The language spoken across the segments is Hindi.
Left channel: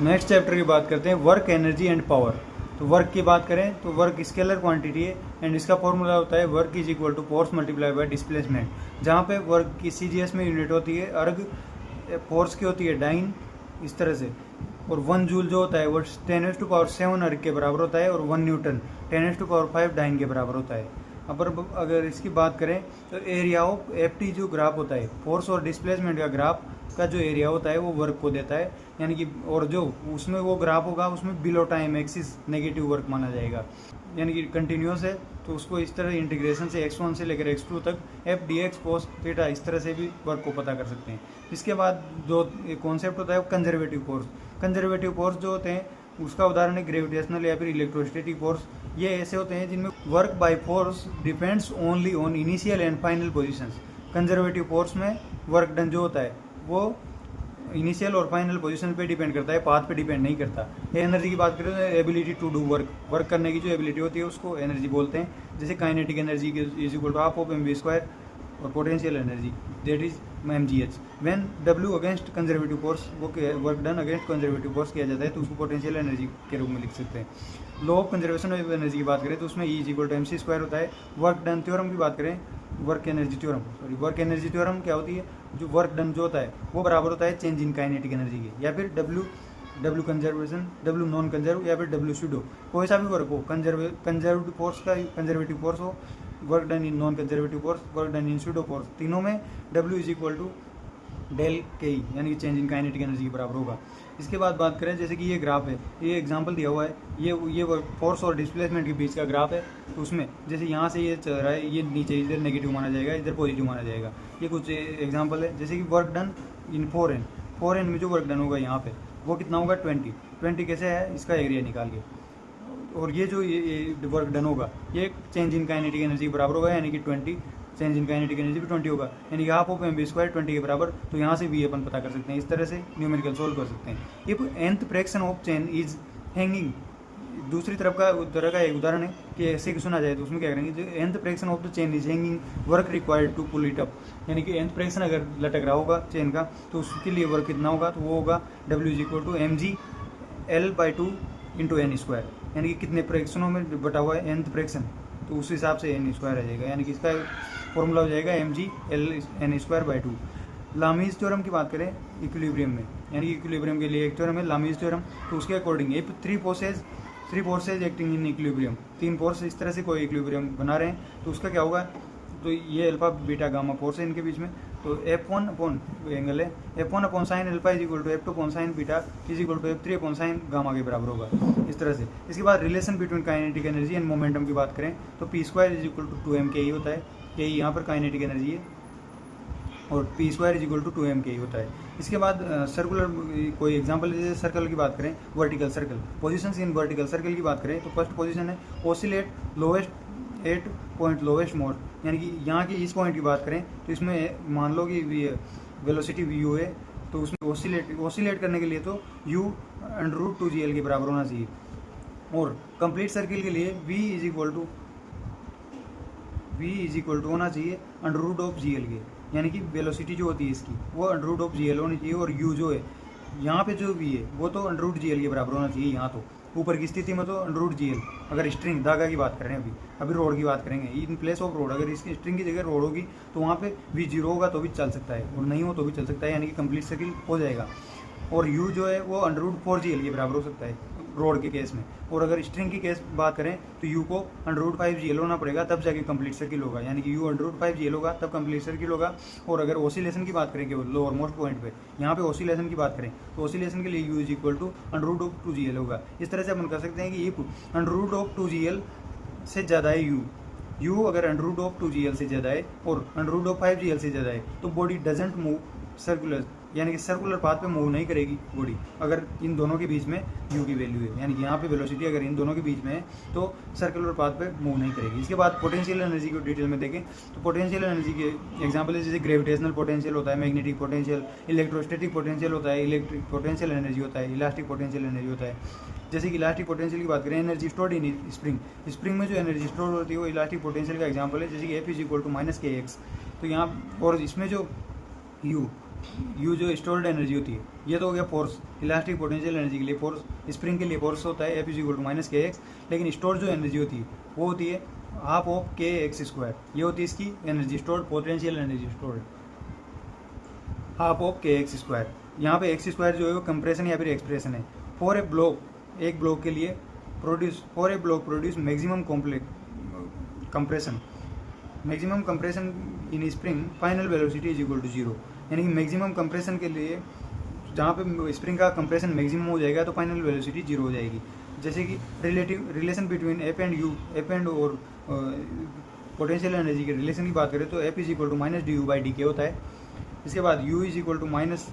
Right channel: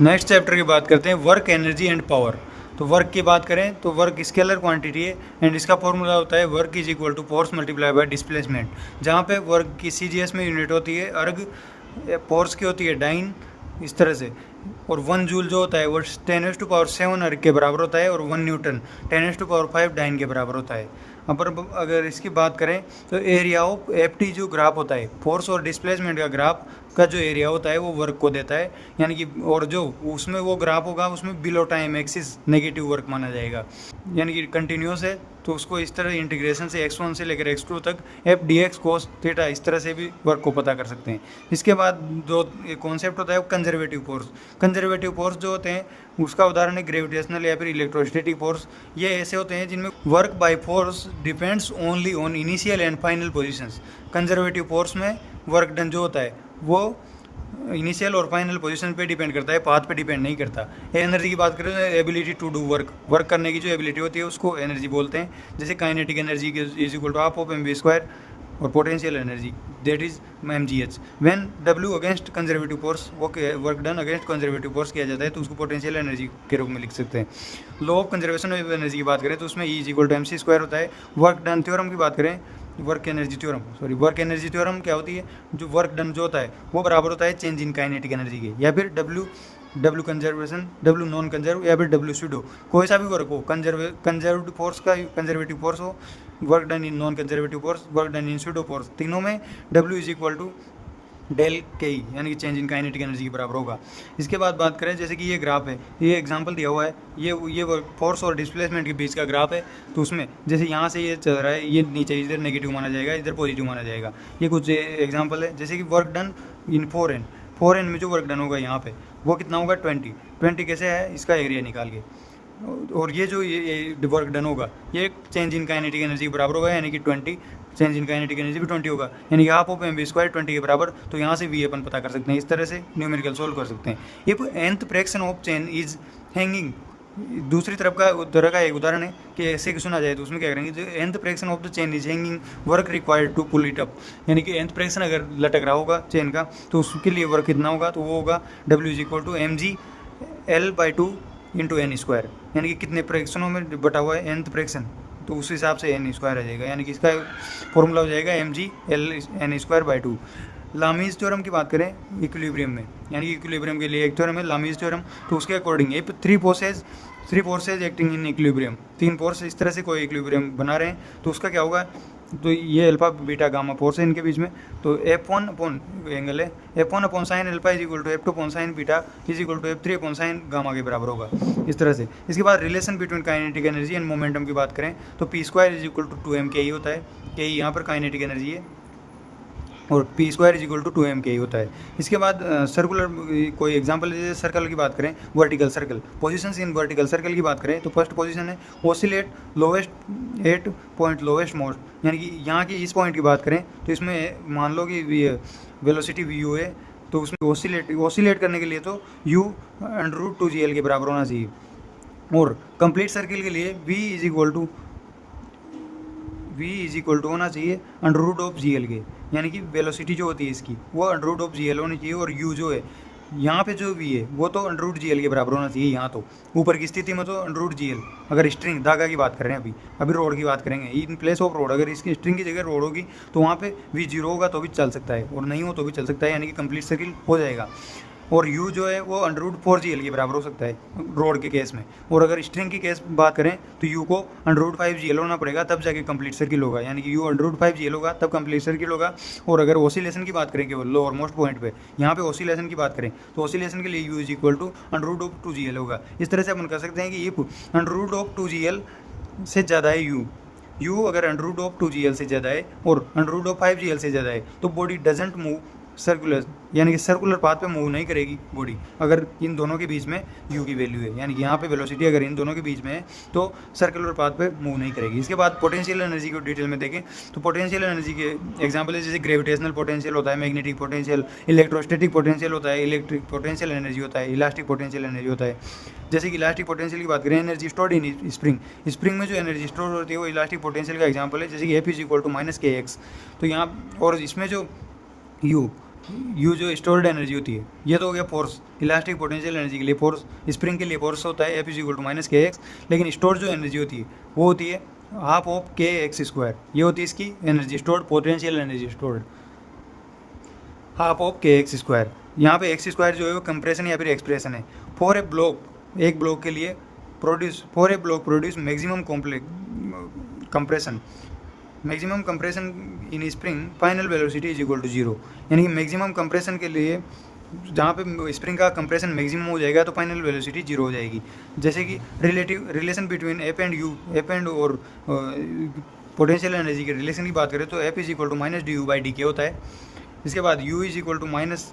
नेक्स्ट चैप्टर की बात करते हैं वर्क, एनर्जी एंड पावर। तो वर्क की बात करें तो वर्क स्केलर क्वांटिटी है एंड इसका फॉर्मूला होता है work is equal to force multiply by displacement, जहाँ पे वर्क की सीजीएस में यूनिट होती है अर्ग, फोर्स की होती है डाइन, इस तरह से। और 1 जूल जो होता है वो 10⁻⁷ अर्ग के बराबर होता है और 1 न्यूटन 10⁻⁵ डाइन के बराबर होता है। अगर इसकी बात करें तो एरिया ऑफ एफ टी जो ग्राफ होता है फोर्स और डिस्प्लेसमेंट का ग्राफ का जो एरिया होता है वो वर्क को देता है, यानी कि और जो उसमें वो ग्राफ होगा उसमें below time axis negative work माना जाएगा, यानी कि कंटिन्यूस है तो उसको इस तरह इंटीग्रेशन से x1 से लेकर x2 तक F D x cos theta इस तरह से भी वर्क को पता कर सकते हैं। इसके बाद जो कॉन्सेप्ट होता है वो कंजर्वेटिव फोर्स। कंजर्वेटिव फोर्स जो होते हैं उसका उदाहरण है ग्रेविटेशनल या फिर इलेक्ट्रोस्टैटिक फोर्स। ये ऐसे होते हैं जिनमें work by force depends only on initial and final positions. Conservative force में वर्क डन जो होता है वो इनिशियल और फाइनल पोजीशन पे डिपेंड करता है, पाथ पे डिपेंड नहीं करता। एनर्जी की बात करें तो एबिलिटी टू डू वर्क करने की जो एबिलिटी होती है उसको एनर्जी बोलते हैं। जैसे kinetic energy is equal to half of mv² और potential energy that is mgh। When W against conservative force वो work done against conservative force किया जाता है तो उसको पोटेंशियल एनर्जी के रूप में लिख सकते हैं। Law of conservation of energy की बात करें तो उसमें E इक्वल टू mc² होता है। वर्क डन थ्योरम की बात करें, वर्क एनर्जी थ्योरम क्या होती है, जो वर्क डन जो होता है वो बराबर होता है चेंज इन काइनेटिक एनर्जी के, या फिर W conservation, W non conserve या फिर W स्यूडो, कोई सा भी वर्क हो, कंजर्वेटिव फोर्स का कंजर्वेटिव फोर्स हो, work done in non conservative force, work done in pseudo force, तीनों में W is equal to del K E यानी कि चेंज इन काइनेटिक एनर्जी के बराबर होगा। इसके बाद बात करें जैसे कि ये ग्राफ है, ये एग्जांपल दिया हुआ है, ये फोर्स और डिस्प्लेसमेंट के बीच का ग्राफ है। तो उसमें जैसे यहाँ से ये चल रहा है, ये नीचे इधर नेगेटिव माना जाएगा, इधर पॉजिटिव माना जाएगा। ये कुछ एग्जांपल है, जैसे कि वर्क डन इन 4n में जो वर्क डन होगा यहाँ पे वो कितना होगा 20 कैसे है, इसका एरिया निकाल के। और ये जो ये वर्क डन होगा ये चेंज इन काइनेटिक एनर्जी के बराबर होगा, यानी कि 20 चेंज इन काइनेटिक एनर्जी भी 20 होगा, यानी कि हाफ ऑफ mv² 20 के बराबर। तो यहाँ से भी अपन पता कर सकते हैं, इस तरह से न्यूमेरिकल सोल्व कर सकते हैं। If nth fraction of chain is hanging, दूसरी तरह का एक उदाहरण है कि ऐसे कि सुना जाए तो उसमें क्या करेंगे, जो nth fraction of the chain is hanging work required to pull it up, यानी कि nth फ्रैक्शन अगर लटक रहा होगा चेन का तो उसके लिए वर्क कितना होगा, तो वो होगा W is equal to mg L/2 into n², यानी कि कितने फ्रैक्शनों में बटा हुआ है nth फ्रैक्शन, तो उस हिसाब से n² आ जाएगा, यानी कि इसका फॉर्मूला हो जाएगा mg L/2/2। लामीज थ्योरम की बात करें इक्विलिब्रियम में, यानी कि इक्विलिब्रियम के लिए एक थ्योरम है लामीज थ्योरम। तो उसके अकॉर्डिंग ये three forces acting in equilibrium, 3 force इस तरह से कोई इक्विलिब्रियम बना रहे हैं तो उसका क्या होगा, तो ये अल्फा बीटा गामा फोर्स है इनके बीच में। तो F1 अपॉन एंगल है, F1 upon sine alpha is equal to F2 upon sine beta is equal to F3 upon sine gamma के बराबर होगा, इस तरह से। इसके बाद relation between kinetic energy and momentum की बात करें तो P² is equal to 2m के होता है, के यहाँ पर काइनेटिक एनर्जी है, और P² is equal to 2m के होता है। इसके बाद सर्कुलर कोई एग्जांपल जैसे सर्कल की बात करें, vertical circle, positions in vertical circle की बात करें तो फर्स्ट पोजीशन है oscillate lowest at point lowest most, यानी कि यहाँ की इस पॉइंट की बात करें तो इसमें मान लो कि वेलोसिटी vu है, तो उसमें ओसिलेट करने के लिए तो u √2gl के बराबर होना चाहिए। और कंप्लीट सर्किल के लिए v इज इक्वल टू होना चाहिए √gl के, यानी कि वेलोसिटी जो होती है इसकी वो √gl होनी चाहिए, और u जो है यहाँ पे जो v है वो तो √gl के बराबर होना चाहिए। यहाँ तो ऊपर की स्थिति में तो √gl, अगर स्ट्रिंग धागा की बात कर रहे हैं अभी रोड की बात करेंगे, इन प्लेस ऑफ रोड अगर इसकी स्ट्रिंग की जगह रोड होगी तो वहाँ पे v 0 होगा तो भी चल सकता है और नहीं हो तो भी चल सकता है, यानी कि कंप्लीट सर्किल हो जाएगा। और u जो है वो √4gl के बराबर हो सकता है रोड के केस में, और अगर स्ट्रिंग की केस बात करें तो u को √5gl होना पड़ेगा तब जाके कंप्लीट सर्किल होगा, यानी कि u √5gl होगा तब कंप्लीट सर्किल होगा। और अगर ओसिलेशन की बात करें केवल लोअर मोस्ट पॉइंट पे, यहाँ पे ओसिलेशन की बात करें तो ओसिलेशन के लिए u is equal to √2gl होगा। इस तरह से अपन कर सकते हैं कि ये √2gl से ज़्यादा है u अगर √2gl से ज़्यादा है और √5gl से ज़्यादा है तो बॉडी डजेंट मूव सर्कुलर, यानी कि सर्कुलर पाथ पे मूव नहीं करेगी बॉडी अगर इन दोनों के बीच में u की वैल्यू है, यानी कि यहाँ पे वेलोसिटी अगर इन दोनों के बीच में है तो सर्कुलर पाथ पे मूव नहीं करेगी। इसके बाद पोटेंशियल एनर्जी को डिटेल में देखें तो पोटेंशियल एनर्जी के एग्जांपल है जैसे ग्रेविटेशनल पोटेंशियल होता है, मैग्नेटिक पोटेंशियल, इलेक्ट्रोस्टैटिक पोटेंशियल होता है, इलेक्ट्रिक पोटेंशियल एनर्जी होता है, इलास्टिक पोटेंशियल एनर्जी होता है। जैसे कि इलास्टिक पोटेंशियल की बात करें, एनर्जी स्टोर्ड इन स्प्रिंग में जो एनर्जी स्टोर होती है वो इलास्टिक पोटेंशियल का एग्जाम्पल है, जैसे कि F is equal to -kx। तो यहाँ और इसमें जो u यू जो स्टोर्ड एनर्जी होती है, ये तो हो गया फोर्स, इलास्टिक पोटेंशियल एनर्जी के लिए फोर्स, स्प्रिंग के लिए फोर्स होता है F is equal to minus K X, लेकिन स्टोर जो एनर्जी होती है वो होती है half of K X square, ये होती है इसकी energy stored, potential energy stored half of K X square. यहाँ पे एक्स स्क्वायर जो है वो कंप्रेशन या फिर एक्सप्रेशन है फॉर ए ब्लॉक, एक ब्लॉक के लिए produce maximum compression, maximum compression in spring final velocity is equal to zero, यानी कि मैक्सिमम कंप्रेशन के लिए जहाँ पे स्प्रिंग का कंप्रेशन मैक्सिमम हो जाएगा तो फाइनल वेलोसिटी जीरो हो जाएगी। जैसे कि relation between F and U, F and और पोटेंशियल एनर्जी के रिलेशन की बात करें तो F is equal to minus D U by D K होता है। इसके बाद U is equal to minus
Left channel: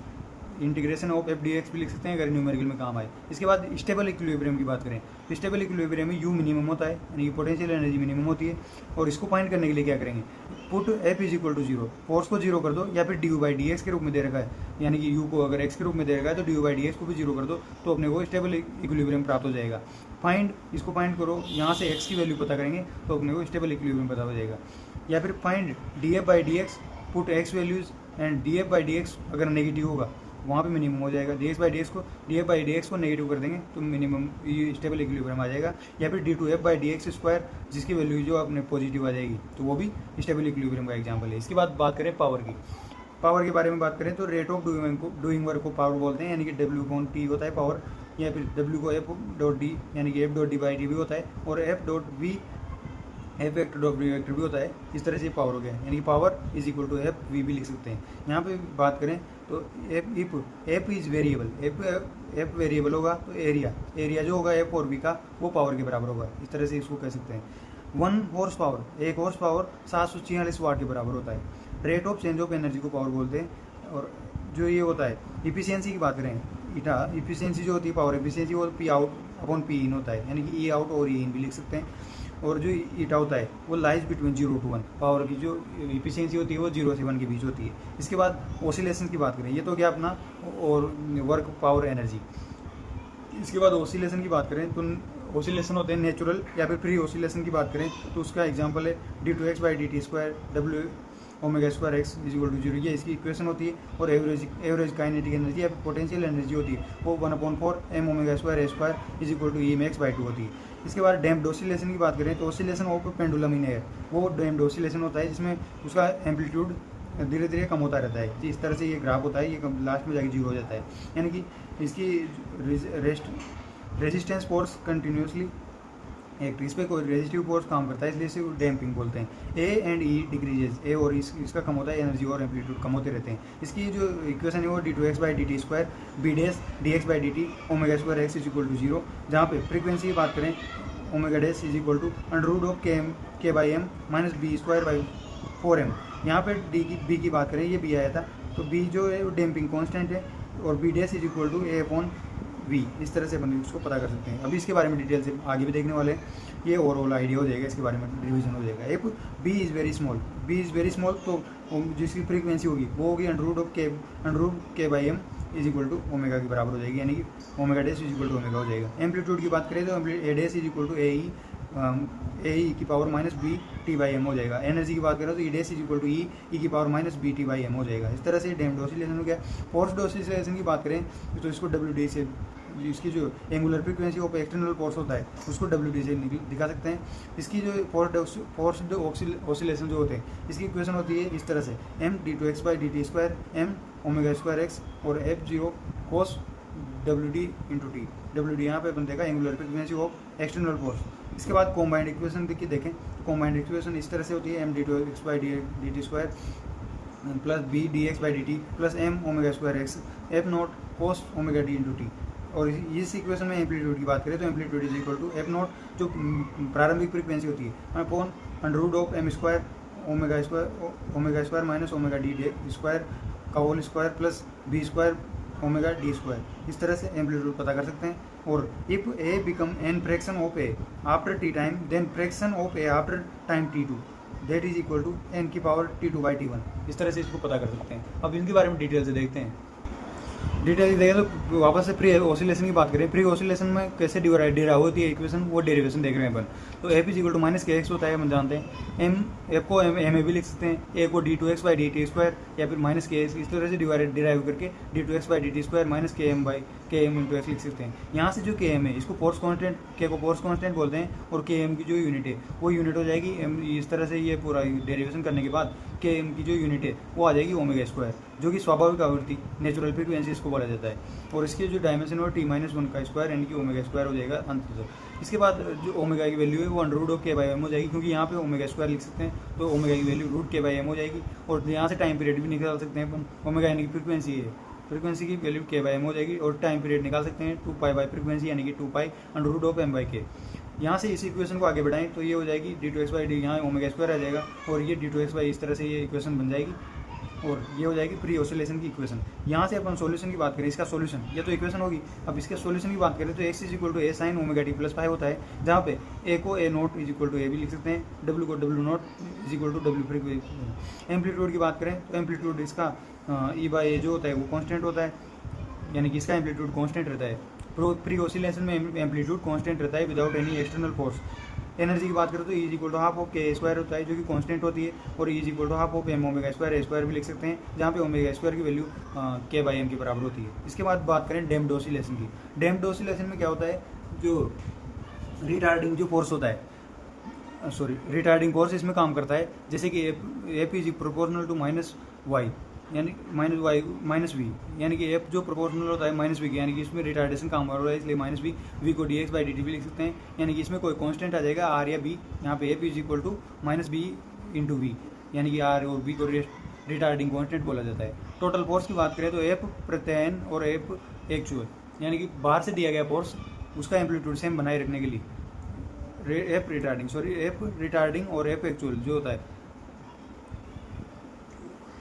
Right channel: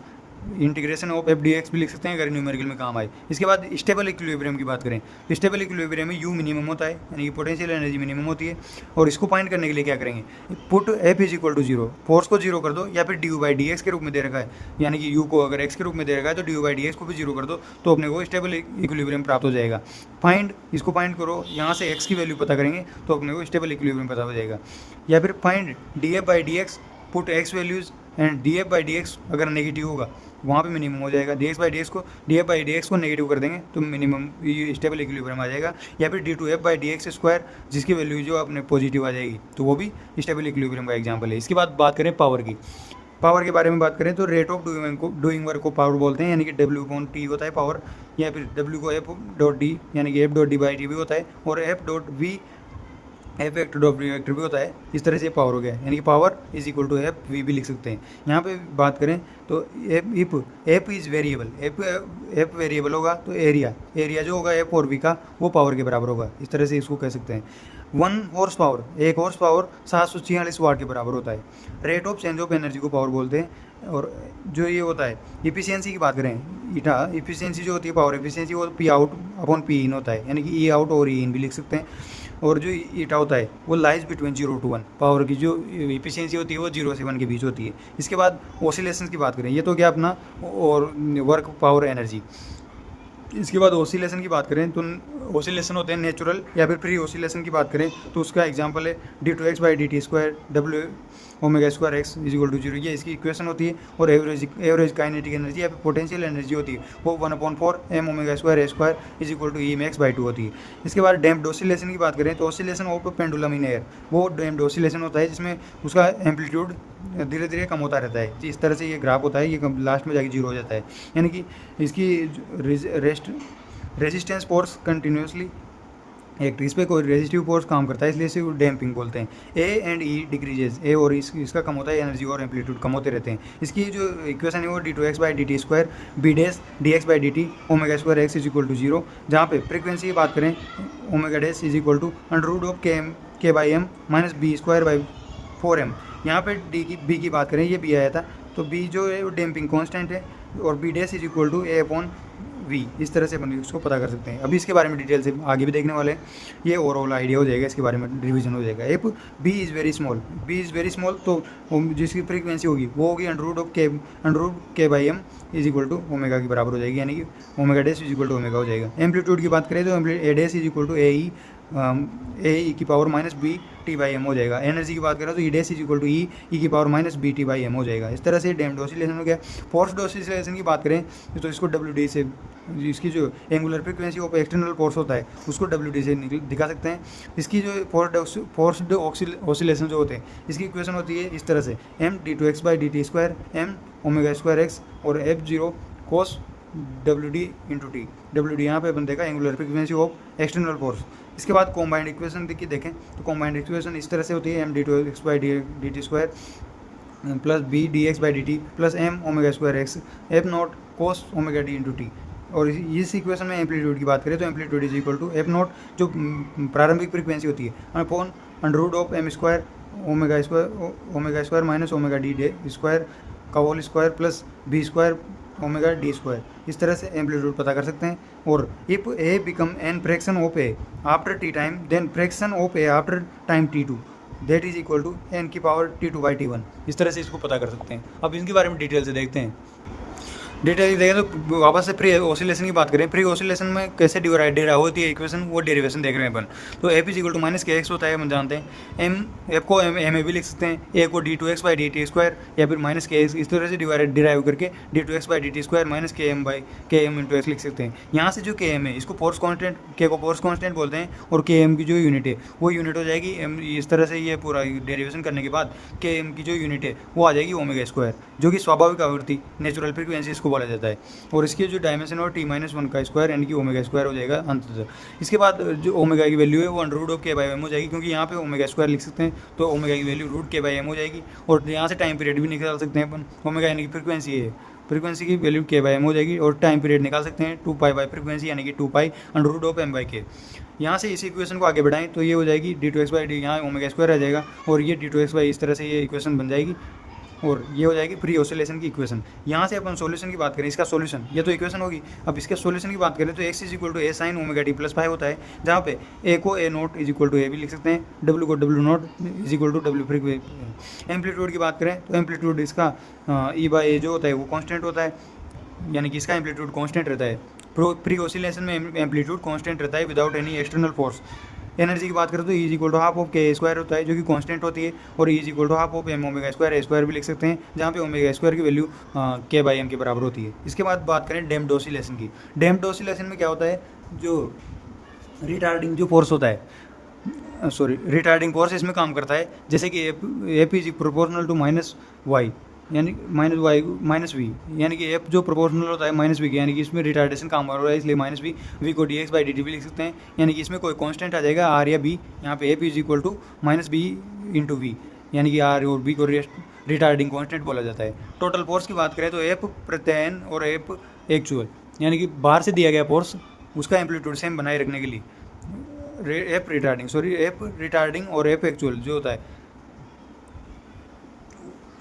integration of F D X भी लिख सकते हैं अगर न्यूमेरिकल में काम आए। इसके बाद स्टेबल इक्विलिब्रियम की बात करें तो स्टेबल इक्विलिब्रियम में यू मिनिमम होता है, यानी कि पोटेंशियल एनर्जी मिनिमम होती है, और इसको फाइंड करने के लिए क्या करेंगे, put F is equal to zero, force को जीरो कर दो, या फिर D U by D X के रूप में दे रखा है, यानी कि यू को अगर एक्स के रूप में दे रखा है तो D U by D x को भी जीरो कर दो तो अपने को स्टेबल इक्विलिब्रियम प्राप्त हो जाएगा। इसको फाइंड करो, यहाँ से एक्स की वैल्यू पता करेंगे तो अपने को स्टेबल इक्विलिब्रियम पता हो जाएगा। या फिर find D F by D x, put x values and D F by D x अगर नेगेटिव होगा वहाँ पे मिनिमम हो जाएगा, D x by D x को नेगेटिव कर देंगे तो मिनिमम स्टेबल इक्विलिब्रियम आ जाएगा। या फिर D two F by D X square जिसकी वैल्यू जो अपने पॉजिटिव आ जाएगी तो वो भी स्टेबल इक्विलिब्रियम का एग्जाम्पल है। इसके बाद बात करें पावर की, पावर के बारे में बात करें तो रेट ऑफ डूइंग वर्क को पावर बोलते हैं, यानी कि डब्ल्यू अपॉन टी होता है पावर, या फिर डब्ल्यू को एफ डॉट डी यानी कि F dot D by T भी होता है, और F dot V F vector dot V vector भी होता है। इस तरह से पावर हो गया, यानी कि power is equal to F V भी लिख सकते हैं। यहाँ पे बात करें तो F is variable, F variable होगा तो एरिया जो होगा एफ और वी का वो पावर के बराबर होगा, इस तरह से इसको कह सकते हैं। 1 हॉर्स पावर, 1 हॉर्स पावर 746 वाट के बराबर होता है। Rate of change of energy को पावर बोलते हैं। और जो ये होता है इफिशियंसी की बात करें, ईटा इफिशियंसी जो होती है पावर इफिशियंसी वो P out upon P in होता है, यानी कि ई आउट और ई इन भी लिख सकते हैं। और जो ईटा होता है वो लाइज बिटवीन 0 to 1, पावर की जो इफिशियंसी होती है वो 0 से 1 के बीच होती है। इसके बाद ऑसिलेशन की बात करें, ये तो क्या अपना और वर्क पावर एनर्जी। इसके बाद ऑसिलेशन की बात करें तो ऑसिलेशन होते हैं नेचुरल या फिर फ्री ऑसिलेशन की बात करें तो उसका एग्जांपल है D two x by D T square W omega square x is equal to zero, ये इसकी इक्वेशन होती है। और एवरेज काइनेटिक एनर्जी या फिर पोटेंशियल एनर्जी होती है वो 1/4 M omega square A square is equal to E M X by 2 होती है। इसके बाद डैम्प्ड ऑसिलेशन की बात करें तो oscillation of pendulum in air, वो डैम्प्ड ऑसिलेशन होता है जिसमें उसका एम्पलीट्यूड धीरे धीरे कम होता रहता है। इस तरह से ये ग्राफ होता है, ये लास्ट में जाके जीरो हो जाता है, यानी कि इसकी रेजिस्टेंस फोर्स कंटिन्यूसली एक इस पर कोई रेजिस्टिव फोर्स काम करता है, इसलिए इसे डैम्पिंग बोलते हैं। ए एंड ई डिक्रीजेज, ए और इसका कम होता है, एनर्जी और एम्पलीट्यूड कम होते रहते हैं। इसकी जो इक्वेशन है वो d two x by D T square b dash d x by D t omega square x is equal to zero, जहाँ पे फ्रीक्वेंसी की बात करें omega dash is equal to under of k by m minus b square by 4m। यहाँ पे बी की बात करें, ये बी आया था तो बी जो है वो डैम्पिंग कॉन्स्टेंट है, और B dash is equal to A upon V, इस तरह से अपन उसको पता कर सकते हैं। अभी इसके बारे में डिटेल से आगे भी देखने वाले हैं, ये ओवरऑल आइडिया हो जाएगा, इसके बारे में रिवीजन हो जाएगा। F b is very small, तो जिसकी फ्रीक्वेंसी होगी वो होगी under k by m is equal to omega के बराबर हो जाएगी, यानी कि omega dash is equal to omega हो जाएगा। एम्पलीट्यूड की बात करें तो a dash is equal to a की power minus B T by M हो जाएगा। एनर्जी की बात करें तो e dash is equal to e की power minus B T by M हो जाएगा। इस तरह से डैम्प्ड ऑसिलेशन हो गया। फोर्स्ड ऑसिलेशन की बात करें तो इसको डब्ल्यू डी से, इसकी जो angular frequency of external force होता है उसको डब्ल्यू डी से दिखा सकते हैं। इसकी जो फोर्स्ड ऑसिलेशन जो होते हैं इसकी इक्वेशन होती है इस तरह से m d two x by D T square m omega square x और एफ जीरो कोस डब्ल्यू डी इंटू टी। डब्ल्यू डी यहाँ पे बन देगा angular frequency of external force. इसके बाद कॉम्बाइंड इक्वेशन देखिए देखें तो कॉम्बाइंड इक्वेशन इस तरह से होती है m d two x by D T square plus b d x by D T plus m omega square x f not cos omega d into t. और इस इक्वेशन में एम्पलीट्यूड की बात करें तो amplitude is equal to F not जो प्रारंभिक फ्रीक्वेंसी होती है upon under root of m square omega square minus omega d square का whole square plus b square omega d square. इस तरह से एम्पलीट्यूड पता कर सकते हैं। और if a become an fraction of a after t time then fraction of a after time t two that is equal to n की power t two by t one. इस तरह से इसको पता कर सकते हैं। अब इनके बारे में डिटेल से देखते हैं। डिटेल देखें तो वापस से फ्री ऑसिलेशन की बात करें, फ्री ऑसिलेशन में कैसे डिराइव होती है इक्वेशन, वो डेरिवेशन देख रहे हैं अपन। तो F is equal to minus K X होता है, हम जानते हैं। एम एफ को एम ए भी लिख सकते हैं, ए को D two x by D T square या फिर माइनस के एक्स, इस तरह से डिराइव करके D two x by D T square minus K M by K M into X लिख सकते हैं। यहाँ से जो के एम है इसको फोर्स कॉन्स्टेंट, के को फोर्स कॉन्स्टेंट बोलते हैं, और के एम की जो यूनिट है वो यूनिट हो जाएगी एम। इस तरह से ये पूरा डेरिवेशन करने के बाद के एम की जो यूनिट है वो आ जाएगी ओमेगा स्क्वायर, जो कि स्वाभाविक आवृत्ति नेचुरल फ्रीक्वेंसी इसको बोला जाता है। और इसकी जो डायमेंशन और टी माइनस वन का स्क्वायर यानी कि ओमेगा स्क्वायर हो जाएगा अंततः। इसके बाद जो ओमेगा की वैल्यू है वो under root of k by M हो जाएगी, क्योंकि यहाँ पे ओमेगा स्क्वायर लिख सकते हैं, तो ओमेगा की वैल्यू रूट के बाई एम हो जाएगी। और यहाँ से टाइम पीरियड भी निकाल सकते हैं अपन, ओमेगा यानी कि फ्रीक्वेंसी है, फ्रीक्वेंसी की वैल्यू के बाई एम हो जाएगी, और टाइम पीरियड निकाल सकते हैं 2 पाई बाई फ्रीक्वेंसी यानी कि 2 pi under root of M by K. यहाँ से इस इक्वेशन को आगे बढ़ाएं तो ये हो जाएगी D two x by D, यहाँ ओमेगा स्क्वायर आ जाएगा, और ये डी टू एक्स बाई, इस तरह से ये इक्वेशन बन जाएगी, और ये हो जाएगी फ्री ऑसिलेशन की इक्वेशन। यहाँ से अपन सॉल्यूशन की बात करें, इसका सॉल्यूशन, ये तो इक्वेशन होगी। अब इसके सॉल्यूशन की बात करें तो x is equal to A sine omega T plus five होता है, जहाँ पे ए को A naught is equal to A भी लिख सकते हैं, डब्ल्यू को W naught is equal to W frequency. Amplitude की बात करें तो एम्पलीट्यूड इसका ई बाई ए जो होता है वो कॉन्स्टेंट होता है, यानी कि इसका एम्पलीट्यूड कॉन्स्टेंट रहता है। प्री ऑसिलेशन में एम्पलीट्यूड कॉन्स्टेंट रहता है without any external force. Energy की बात करें तो E is equal to half of K square होता है, जो कि कांस्टेंट होती है, और E is equal to half of M omega square, A square भी लिख सकते हैं, जहाँ पे ओमेगा स्क्वायर की वैल्यू के बाई एम के बराबर होती है। इसके बाद बात करें डैम्प्ड ऑसिलेशन की। डैम्प्ड ऑसिलेशन में क्या होता है, जो रिटार्डिंग जो फोर्स होता है, रिटार्डिंग फोर्स इसमें काम करता है, जैसे कि F is proportional to minus Y, यानी माइनस वाई माइनस वी, यानी कि एफ जो प्रोपोर्शनल होता है माइनस वी के, यानी कि इसमें रिटार्डेशन काम हो रहा है, इसलिए माइनस वी को D x by D T भी लिख सकते हैं, यानी कि इसमें कोई कांस्टेंट आ जाएगा आर या बी। यहाँ पे F is equal to minus B into V, यानी कि आर और बी को रिटार्डिंग कांस्टेंट बोला जाता है। टोटल फोर्स की बात करें तो एफ प्रत्ययन और एफ एक्चुअल, यानी कि बाहर से दिया गया फोर्स उसका एम्पलीट्यूड सेम बनाए रखने के लिए एफ रिटार्डिंग और एफ एक्चुअल जो होता है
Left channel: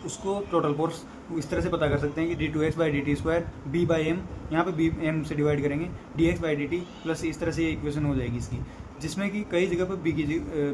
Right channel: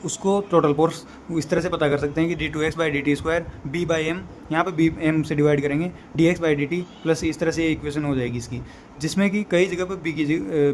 उसको टोटल फोर्स इस तरह से पता कर सकते हैं कि D two x by D T square B by M, यहाँ पे बी एम से डिवाइड करेंगे, D x by D T plus, इस तरह से इक्वेशन हो जाएगी इसकी, जिसमें कि कई जगह पे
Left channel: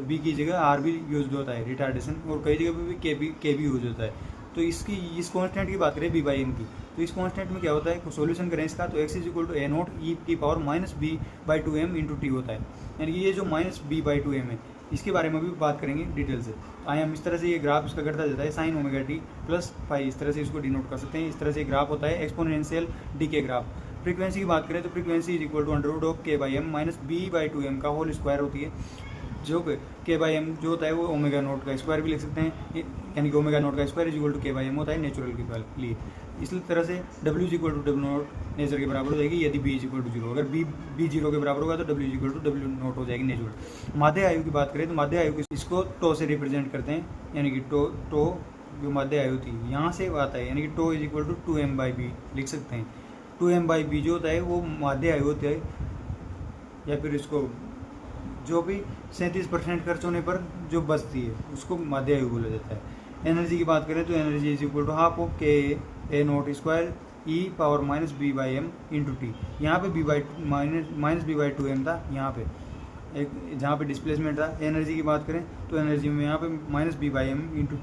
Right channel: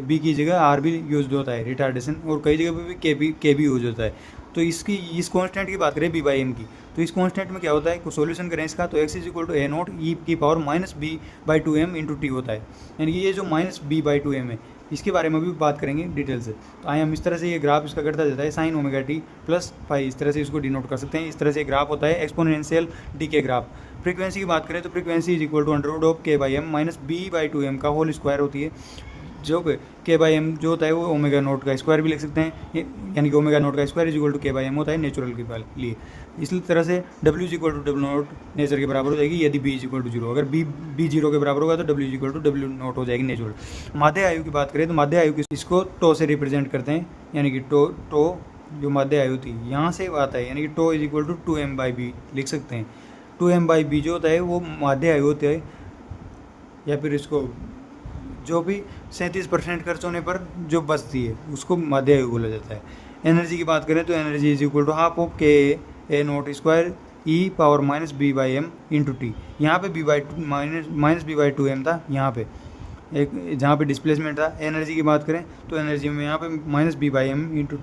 बी की जगह आर भी यूज होता है रिटार्डेशन, और कई जगह पे भी के भी यूज होता है। तो इसकी इस कांस्टेंट की बात करें बी बाई एम की, तो इस कांस्टेंट में क्या होता है, को सॉल्यूशन करें इसका तो x is equal to a not e की power minus B by two m into t होता है, यानी कि ये जो minus B by two m है इसके बारे में भी बात करेंगे डिटेल से। तो आइए हम इस तरह से ये ग्राफ इसका करता जाता है, sine omega T plus phi, इस तरह से इसको डिनोट कर सकते हैं। इस तरह से ग्राफ होता है एक्सपोनेंशियल डी के ग्राफ। फ्रीक्वेंसी की बात करें तो frequency is equal to under root of k by m minus B by two m का होल स्क्वायर होती है, जो के बाई एम जो होता है वो ओमेगा नोट का स्क्वायर भी लिख सकते हैं, यानी कि ओमेगा नोट का square is equal to K by M होता है नेचुरल के लिए। इसी तरह से W is equal to W naught nature के बराबर हो जाएगी यदि B is equal to zero. अगर बी जीरो के बराबर होगा तो W is equal to W naught हो जाएगी नेचुरल। माध्य आयु की बात करें तो माध्य आयु की इसको टो से रिप्रेजेंट करते हैं, यानी कि टो जो माध्य आयु थी यहाँ से आता है, यानी कि tau is equal to two M by B लिख सकते हैं। टू एम बाई बी जो होता है वो माध्य आयु होता है, या फिर इसको जो भी 37% खर्च होने पर जो बचती है उसको माध्य आयु बोला जाता है। एनर्जी की बात करें तो energy is equal to half of k a not square e power minus B by M into t. यहाँ पे b by minus B by two m था, यहाँ पे एक जहाँ पे डिस्प्लेसमेंट था। एनर्जी की बात करें तो एनर्जी में यहाँ पे minus B by M into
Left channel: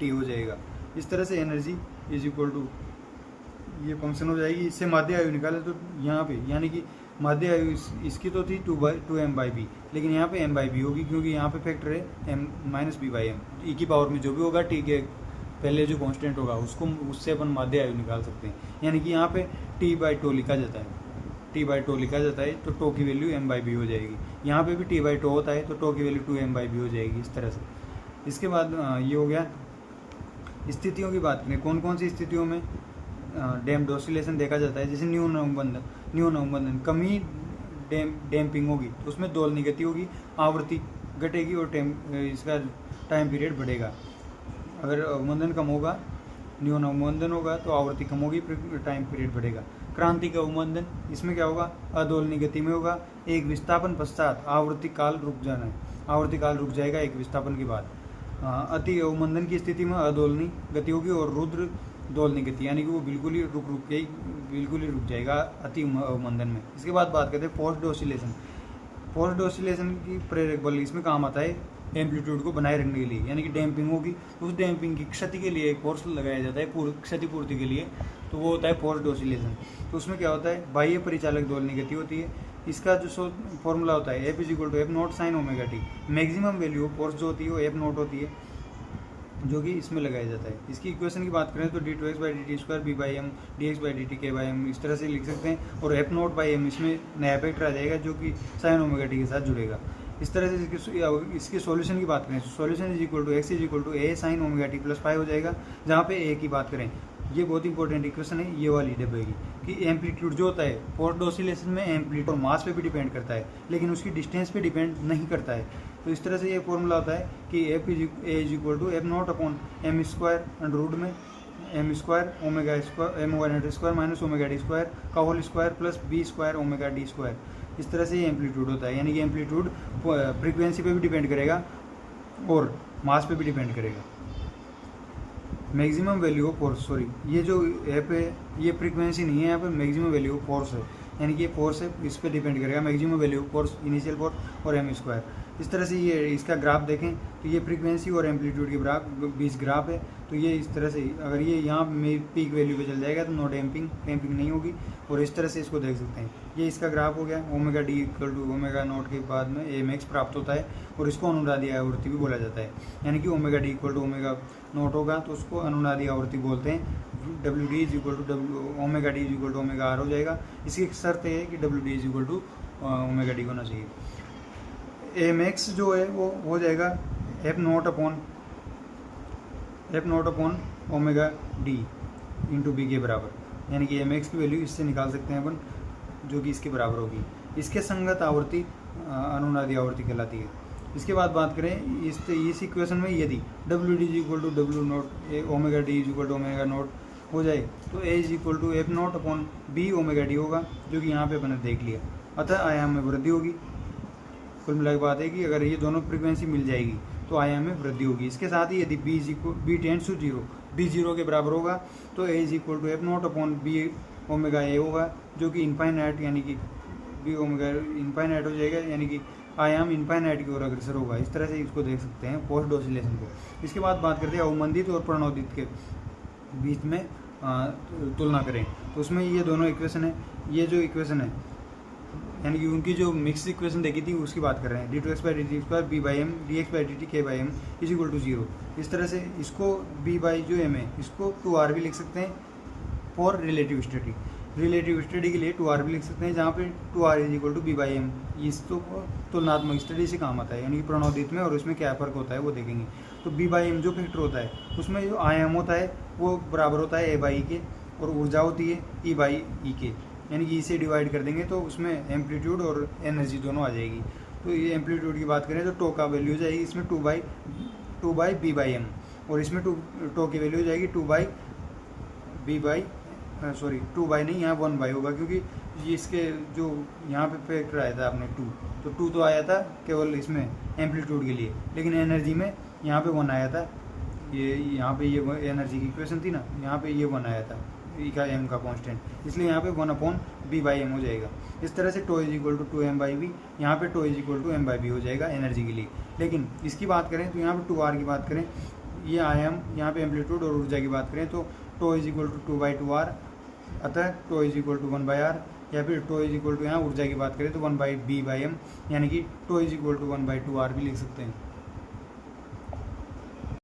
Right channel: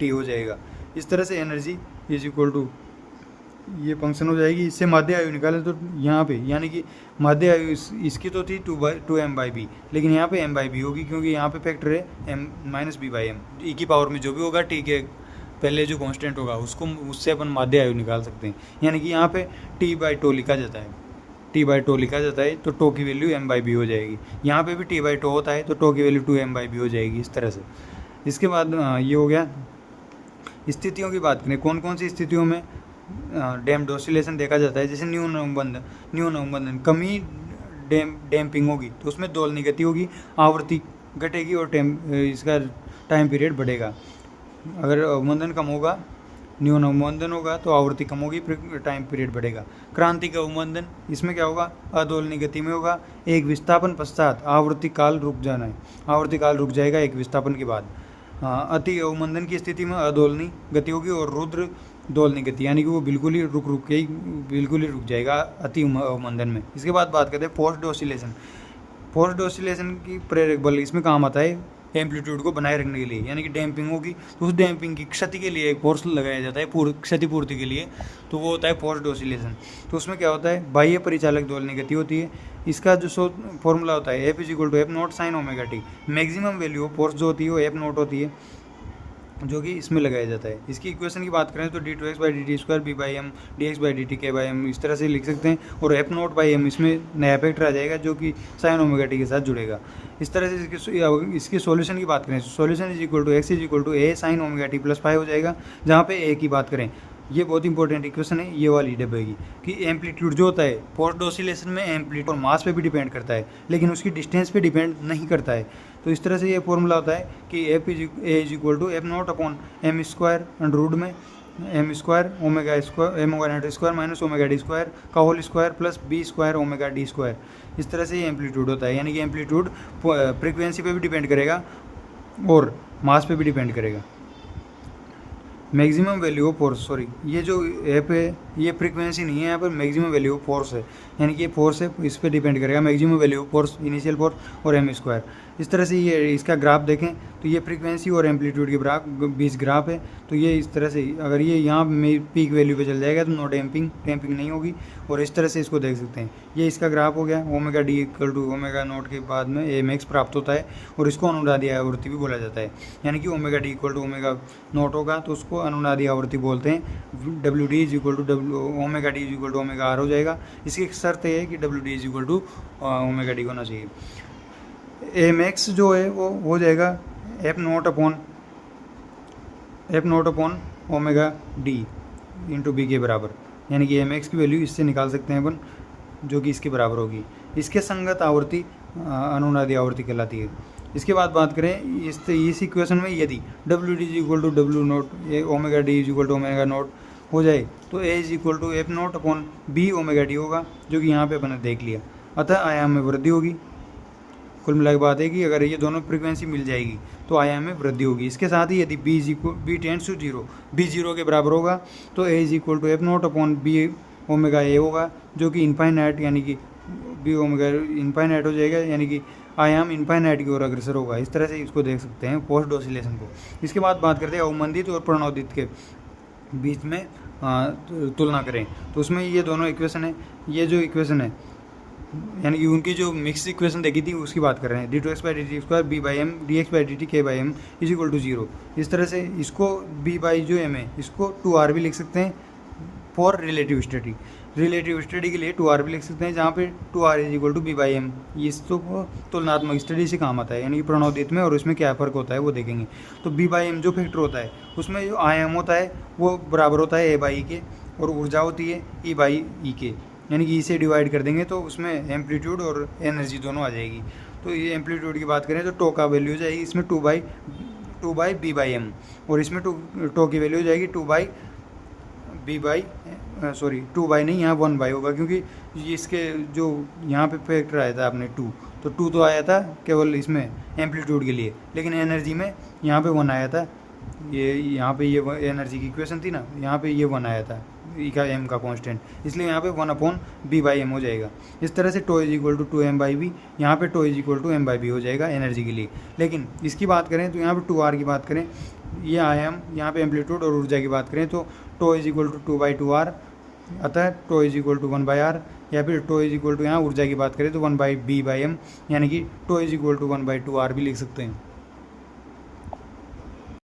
T हो जाएगा। इस तरह से एनर्जी इज इक्वल टू ये फंक्शन हो जाएगी। इससे माध्य आयु निकाले तो यहाँ पे, यानी कि माध्य आयु इसकी तो थी टू एम बाई बी, लेकिन यहाँ पे एम बाई बी होगी, क्योंकि यहाँ पे फैक्टर है m minus B by m. E की पावर में जो भी होगा टी के पहले जो कांस्टेंट होगा उसको उससे अपन माध्य आयु निकाल सकते हैं, यानी कि यहाँ पे टी बाई टो लिखा जाता है, टी बाई टो लिखा जाता है तो टो की वैल्यू एम बाई बी हो जाएगी। यहाँ पे भी टी बाई टो होता है तो टो की value two M by B हो जाएगी, इस तरह से। इसके बाद ये हो गया। स्थितियों की बात करें, कौन कौन सी स्थितियों में डैम्प्ड ऑसिलेशन देखा जाता है, जैसे न्यून अवमंदन कमी डैम्पिंग होगी तो उसमें दोलनी गति होगी, आवृत्ति घटेगी और इसका टाइम पीरियड बढ़ेगा। अगर अवमंदन कम होगा, न्यून अवमंदन होगा तो आवृत्ति कम होगी, टाइम पीरियड बढ़ेगा। क्रांतिक अवमंदन, इसमें क्या होगा, अदोलनी गति में होगा, एक विस्थापन पश्चात आवृत्ति काल रुक जाना है, आवृत्ति काल रुक जाएगा एक विस्थापन के बाद। अति अवमंदन की स्थिति में अदोलनी गति होगी और रुद्र दोलनी गति, यानी कि वो बिल्कुल ही रुक जाएगा अति अवमंदन में। इसके बाद बात करते हैं फोर्स्ड ऑसिलेशन। फोर्स्ड ऑसिलेशन की प्रेरक बल इसमें काम आता है, एम्पलीट्यूड को बनाए रखने के लिए, यानी कि डैम्पिंग होगी तो उस डैम्पिंग की क्षति के लिए एक फोर्स लगाया जाता है क्षतिपूर्ति के लिए, तो वो होता है फोर्स्ड ऑसिलेशन। तो उसमें क्या होता है, बाह्य परिचालक दोलनी गति होती है। इसका जो फॉर्मूला होता है F is equal to F naught sine omega T. Maximum value of force जो होती है वो एफ नॉट होती है, जो कि इसमें लगाया जाता है। इसकी इक्वेशन की बात करें तो D two x by D T square B by M D x by D T के बाई एम इस तरह से लिख सकते हैं, और एफ नॉट बाई एम इसमें नया फैक्टर आ जाएगा जो कि साइन ओमेगा टी के साथ जुड़ेगा। इस तरह से इसकी सॉल्यूशन की बात करें तो solution is equal to x is equal to A sine omega T plus 5 हो जाएगा, जहाँ पे ए की बात करें, ये बहुत इंपॉर्टेंट इक्वेशन है ये वाली डब्बे की, कि एम्पलीट्यूड जो होता है फोर्स्ड ऑसिलेशन में एम्पलीट्यूड और मास पे भी डिपेंड करता है, लेकिन उसकी डिस्टेंस पे डिपेंड नहीं करता है। तो इस तरह से ये फॉर्मूला होता है कि a is equal to F not upon m square under में m square omega square m omega not square minus omega d square का whole square plus b square omega d square. इस तरह से ये एम्पलीट्यूड होता है, यानी कि एम्पलीट्यूड फ्रीक्वेंसी पे भी डिपेंड करेगा और मास पे भी डिपेंड करेगा। Maximum value of force, sorry ये जो एप है ये फ्रीक्वेंसी नहीं है, यहाँ पर मैक्सिमम वैल्यू ऑफ फोर्स है, यानी कि ये फोर्स है इस पर डिपेंड करेगा, maximum value of force initial force और एम स्क्वायर। इस तरह से ये इसका ग्राफ देखें तो ये फ्रीक्वेंसी और एम्पलीट्यूड के बीच ग्राफ है। तो ये इस तरह से अगर ये यहाँ में पीक वैल्यू पे चल जाएगा तो नो डैम्पिंग नहीं होगी, और इस तरह से इसको देख सकते हैं। ये इसका ग्राफ हो गया, omega d equal to omega nought के बाद में एम एक्स प्राप्त होता है, और इसको अनुनादी आवृत्ति भी बोला जाता है, यानी कि omega d equal to omega nought होगा तो उसको अनुनादी आवृत्ति बोलते हैं। डब्ल्यू D is equal to omega D is equal to omega r हो जाएगा। इसकी शर्त है कि डब्ल्यू D is equal to omega d होना चाहिए। एम एक्स जो है वो हो जाएगा f note upon omega d into b के बराबर, यानी कि एम एक्स की वैल्यू इससे निकाल सकते हैं अपन, जो कि इसके बराबर होगी। इसके संगत आवृत्ति अनुनादी आवृत्ति कहलाती है। इसके बाद बात करें इस इक्वेशन में यदि W D is equal to W naught omega D is equal to omega naught हो जाए तो ए is equal to F note upon B omega D होगा, जो कि यहाँ पे अपन ने देख लिया। अतः आयाम में वृद्धि होगी। कुल मिला के बात है कि अगर ये दोनों फ्रीक्वेंसी मिल जाएगी तो आयाम में वृद्धि होगी। इसके साथ ही यदि b tends to zero, b zero के बराबर होगा तो ए is equal to F note upon B omega a होगा, जो कि इनफाइनाइट यानी कि बी ओमेगा इनफाइनाइट हो जाएगा, यानी कि आयाम इनफाइनाइट की ओर अग्रसर होगा। इस तरह से इसको देख सकते हैं फोर्स्ड ऑसिलेशन को। इसके बाद बात करते हैं अवमंदित और प्रणोदित के बीच में तुलना करें तो उसमें ये दोनों इक्वेशन है, ये जो इक्वेशन है यानी कि उनकी जो मिक्स इक्वेशन देखी थी उसकी बात कर रहे हैं। D two x by D T square B by M D x by D T के by m is equal to zero. इस तरह से इसको बी बाई जो एम है इसको 2r भी लिख सकते हैं for relative study. Relative study के लिए 2r भी लिख सकते हैं, जहाँ पे 2r is equal to b by M. इस तो तुलनात्मक स्टडी से काम आता है, यानी कि प्रणोदित में और उसमें क्या फ़र्क होता है वो देखेंगे। तो बी बाई एम जो फैक्टर होता है उसमें जो आयाम होता है वो बराबर होता है ए बाई के, और ऊर्जा होती है ई बाई ई के, यानी कि इसे डिवाइड कर देंगे तो उसमें एम्पलीट्यूड और एनर्जी दोनों आ जाएगी। तो ये एम्पलीट्यूड की बात करें तो टो का वैल्यू हो जाएगी इसमें two by b by m, और इसमें टो की वैल्यू हो जाएगी टू बाई नहीं, यहाँ 1 बाई होगा, क्योंकि ये इसके जो यहाँ पे फैक्टर आया था आपने 2, तो 2 तो आया था केवल इसमें एम्पलीट्यूड के लिए, लेकिन एनर्जी में यहाँ पे 1 आया था। ये यहाँ पे ये एनर्जी की इक्वेशन थी ना, यहाँ पे ये 1 आया था ई का एम का कांस्टेंट, इसलिए यहाँ पे 1 अपॉन बी बाई एम हो जाएगा। इस तरह से tau is equal to 2m by b, यहाँ पे tau is equal to m by B हो जाएगा एनर्जी के लिए। लेकिन इसकी बात करें तो यहाँ पे 2r की बात करें, ये आयाम यहाँ पे एम्पलीट्यूड और ऊर्जा की बात करें तो tau is equal to 2 by 2r, अतः tau is equal to 1 by r, या फिर टो इज इक्वल टू यहाँ ऊर्जा की बात करें तो 1 बाई बी बाई एम, यानी कि tau is equal to 1 by 2r भी लिख सकते हैं।